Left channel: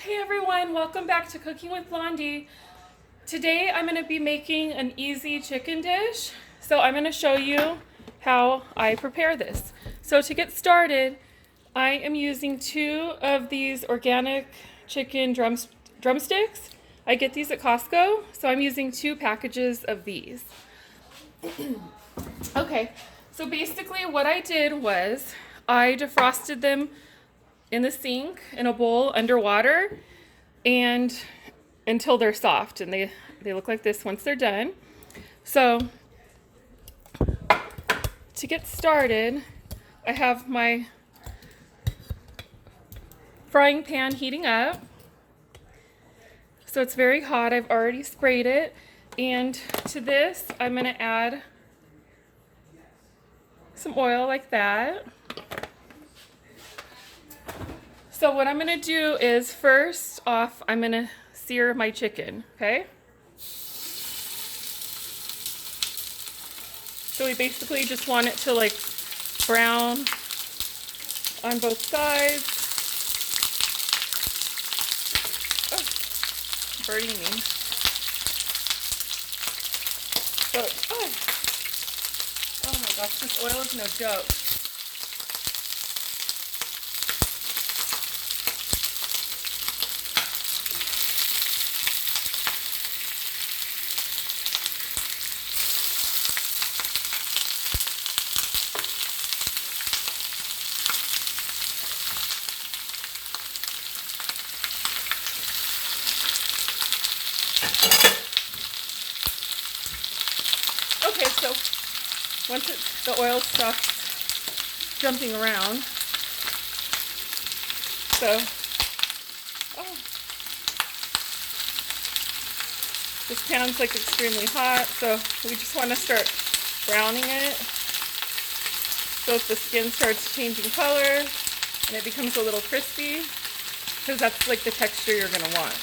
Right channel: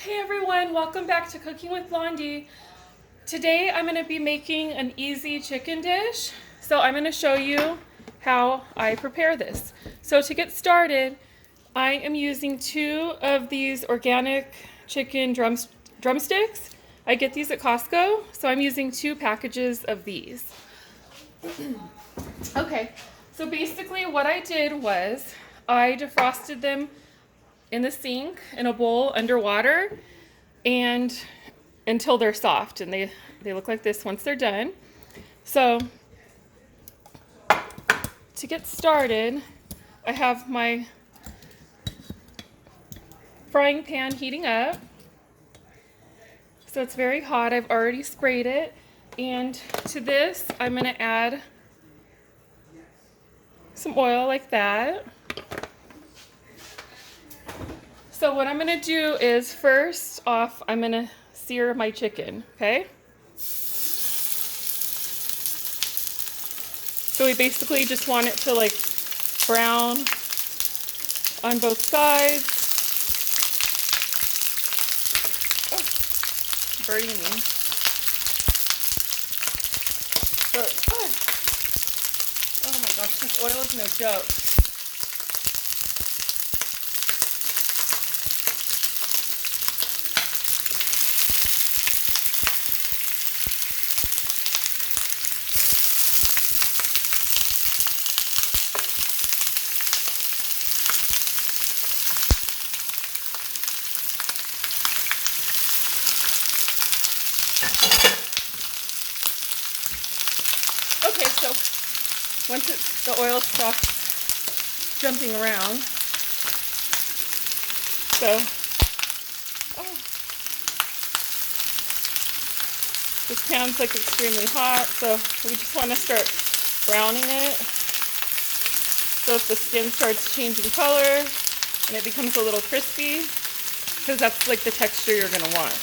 Hey everyone, welcome back to Cooking with Blondie. Today I'm going to be making an easy chicken dish. So I'm going to show you how I prepare this. So to get started, I am using 2 of these organic chicken drumsticks. I get these at Costco, so I'm using 2 packages of these. Okay, so basically what I did was I defrosted them in the sink in a bowl underwater and until they're soft, and they look like this once they're done. So to get started, I have my frying pan heating up. So it's very hot. I've already sprayed it, and to this I'm going to add some oil like that. So what I'm going to do is first off I'm going to sear my chicken, okay? So we basically just want it to like brown on both sides. Oh, burning me. So, oh my gosh, this oil is no joke. Okay, so once the oil stops jumping around, so this pan's like extremely hot, so we just want to start browning it. So if the skin starts changing color and it becomes a little crispy, because that's like the texture you're going to want.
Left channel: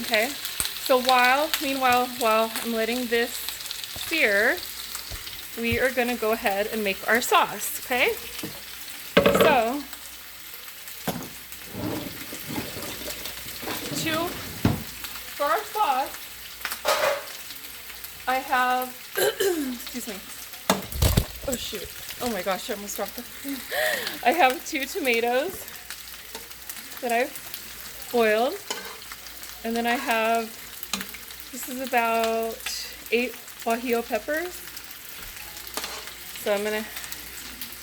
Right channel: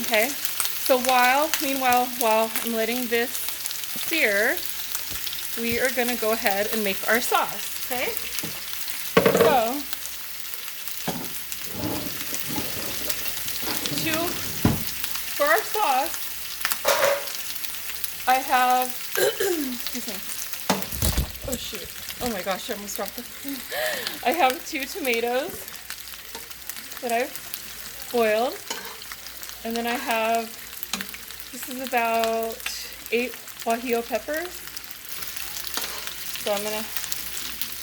Okay, so meanwhile, while I'm letting this sear, we are going to go ahead and make our sauce, okay? So, for our sauce, I have, excuse me, oh shoot, oh my gosh, I almost dropped it. I have 2 tomatoes that I've boiled, and then I have, this is about 8 Guajillo peppers. So I'm going to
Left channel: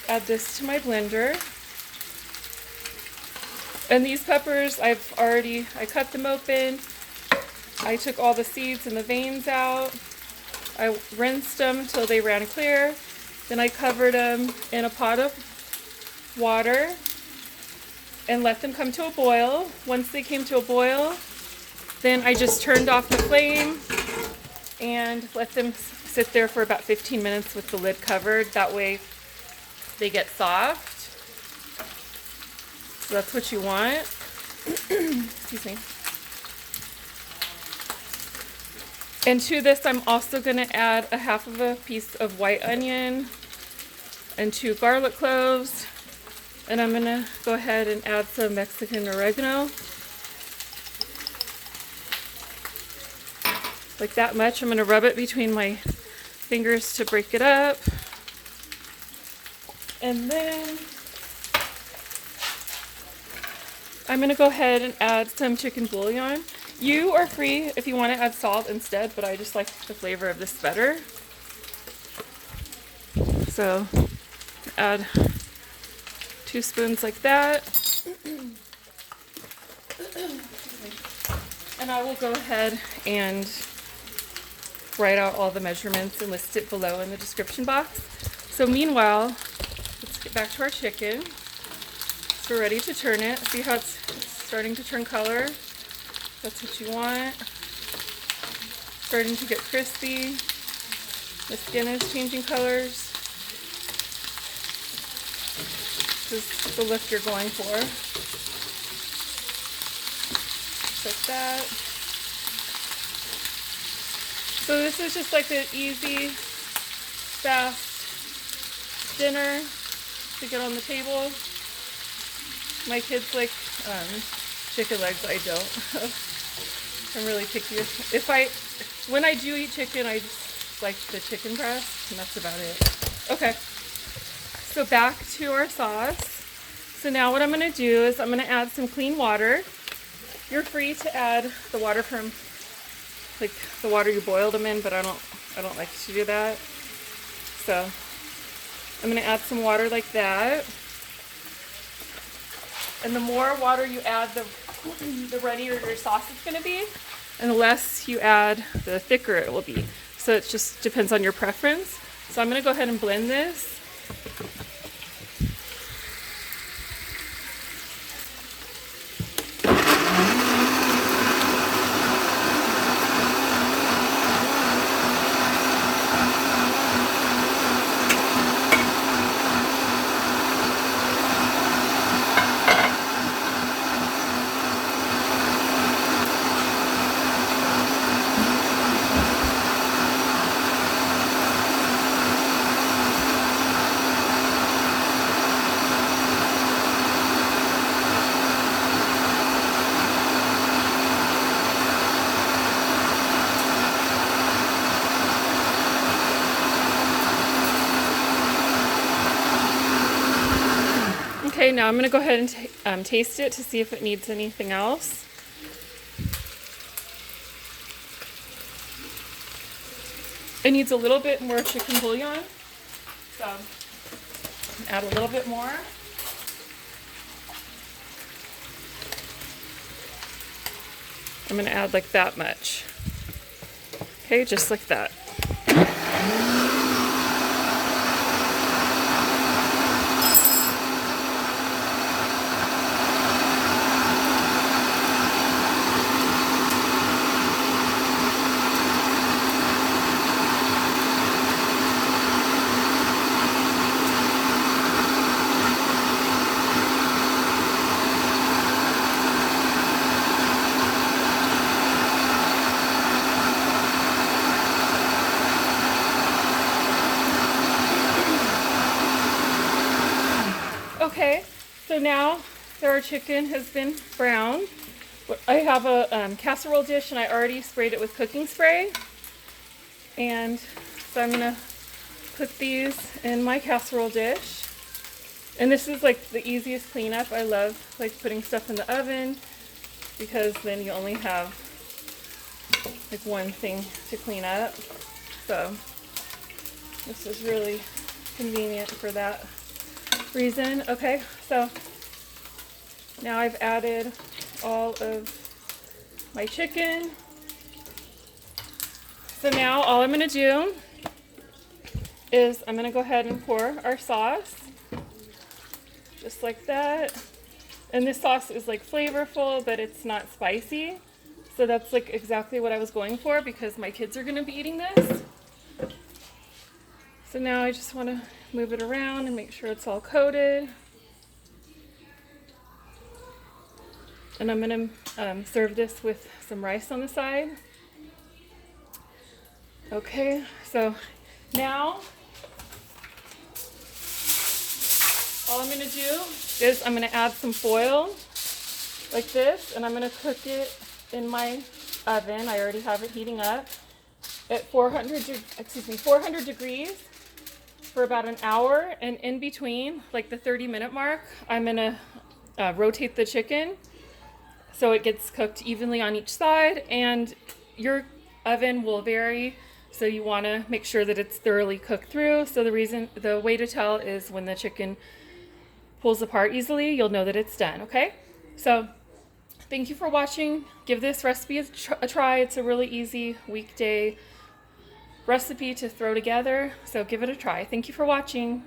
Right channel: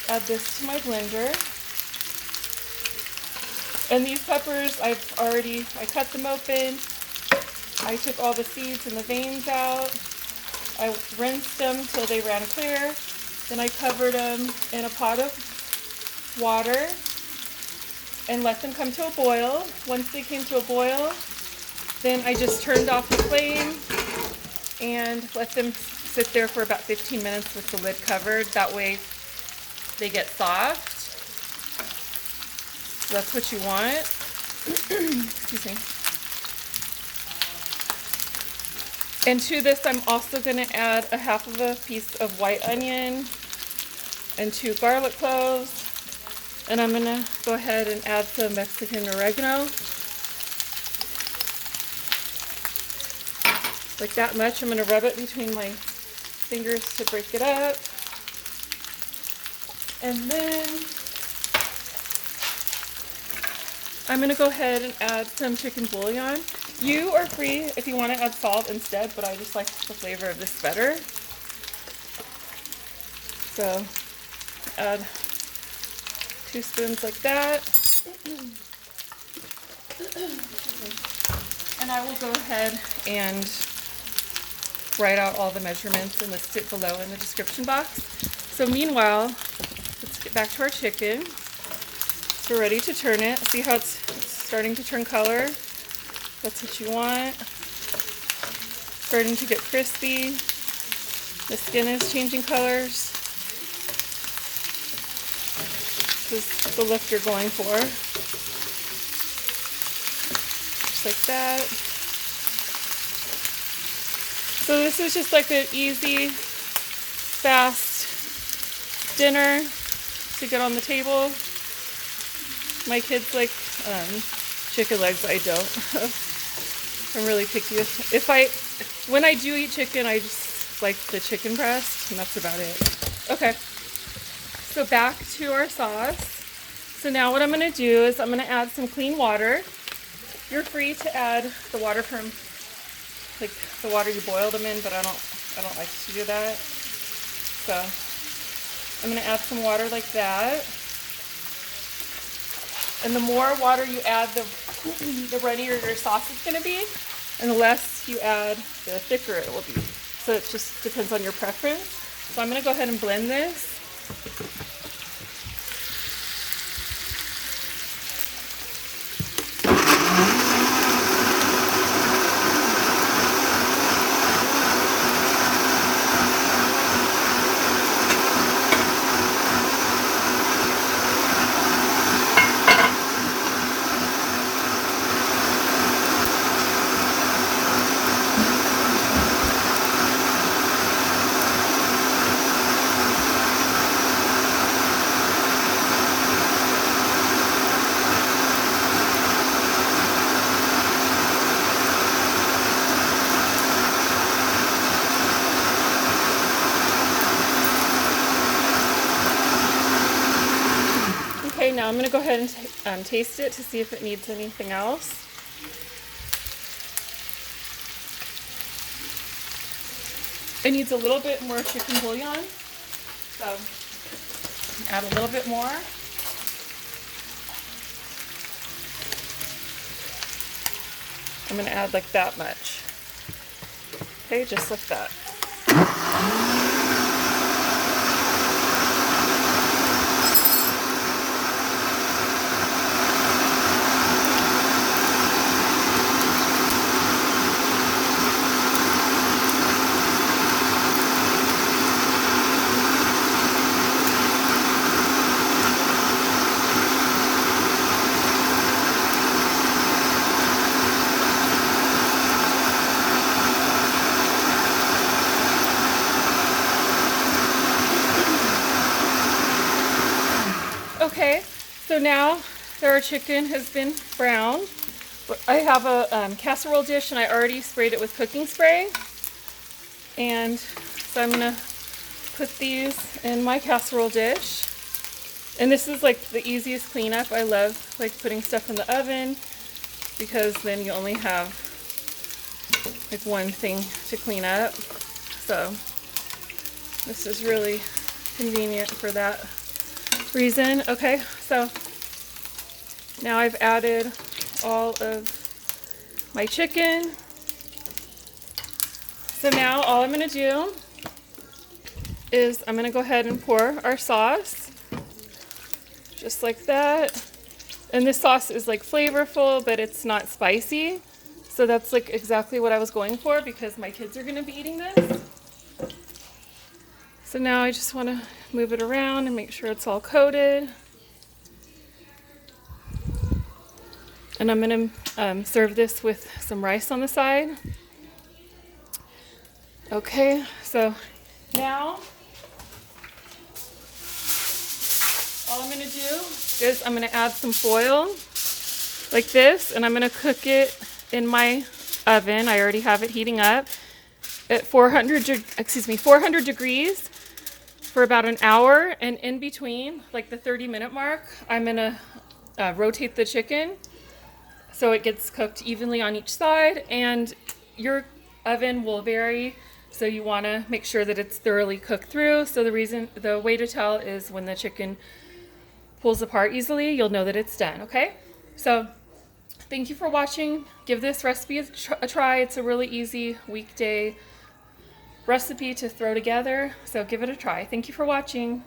add this to my blender. And these peppers, I cut them open. I took all the seeds and the veins out. I rinsed them till they ran clear. Then I covered them in a pot of water and let them come to a boil. Once they came to a boil, then I just turned off the flame and let them sit there for about 15 minutes with the lid covered. That way they get soft. So that's what you want. Excuse me. And to this I'm also going to add a half of a piece of white onion and 2 garlic cloves. And I'm going to go ahead and add some Mexican oregano. Like that much. I'm going to rub it between my fingers to break it up. And then I'm going to go ahead and add some chicken bouillon. You are free if you want to add salt instead, but I just like the flavor of this better. So add 2 spoons like that. And I will go ahead and write out all the measurements and list it below in the description box. So meanwhile, let's get back to our chicken. So we're ready to turn it. See how it's starting to turn color? That's what you want. Starting to get crispy. The skin is changing colors. This is the look you're going for. Just like that. So this is just like an easy, fast dinner to get on the table. My kids like chicken legs. I don't. I'm really picky with, when I do eat chicken, I just like the chicken breast, and that's about it. Okay, so back to our sauce. So now what I'm going to do is I'm going to add some clean water. You're free to add the water from like the water you boiled them in, but I don't like to do that. So I'm going to add some water like that. And the more water you add, the runnier your sauce is going to be, and the less you add, the thicker it will be. So it just depends on your preference. So I'm going to go ahead and blend this. Okay, now I'm going to go ahead and taste it to see if it needs anything else. It needs a little bit more chicken bouillon, so add a little bit more. I'm going to add like that much. Okay, just like that. Okay, so now that our chicken has been browned, I have a casserole dish and I already sprayed it with cooking spray. And so I'm gonna put these in my casserole dish. And this is like the easiest cleanup. I love like putting stuff in the oven because then you only have like one thing to clean up. So this is really convenient for that reason. Okay, so now I've added all of my chicken. So now all I'm going to do is I'm going to go ahead and pour our sauce just like that. And this sauce is like flavorful, but it's not spicy. So that's like exactly what I was going for because my kids are going to be eating this. So now I just want to move it around and make sure it's all coated. And I'm going to serve this with some rice on the side. Okay, so now all I'm going to do is I'm going to add some foil like this, and I'm going to cook it in my oven. I already have it heating up at 400 degrees for about an hour, and in between, like the 30-minute mark, I'm going to rotate the chicken so it gets cooked evenly on each side, and your oven will vary, so you want to make sure that it's thoroughly cooked through. So the way to tell is when the chicken pulls apart easily, you'll know that it's done. Okay, so thank you for watching. Give this recipe a try. It's a really easy weekday recipe to throw together, so give it a try. Thank you for watching.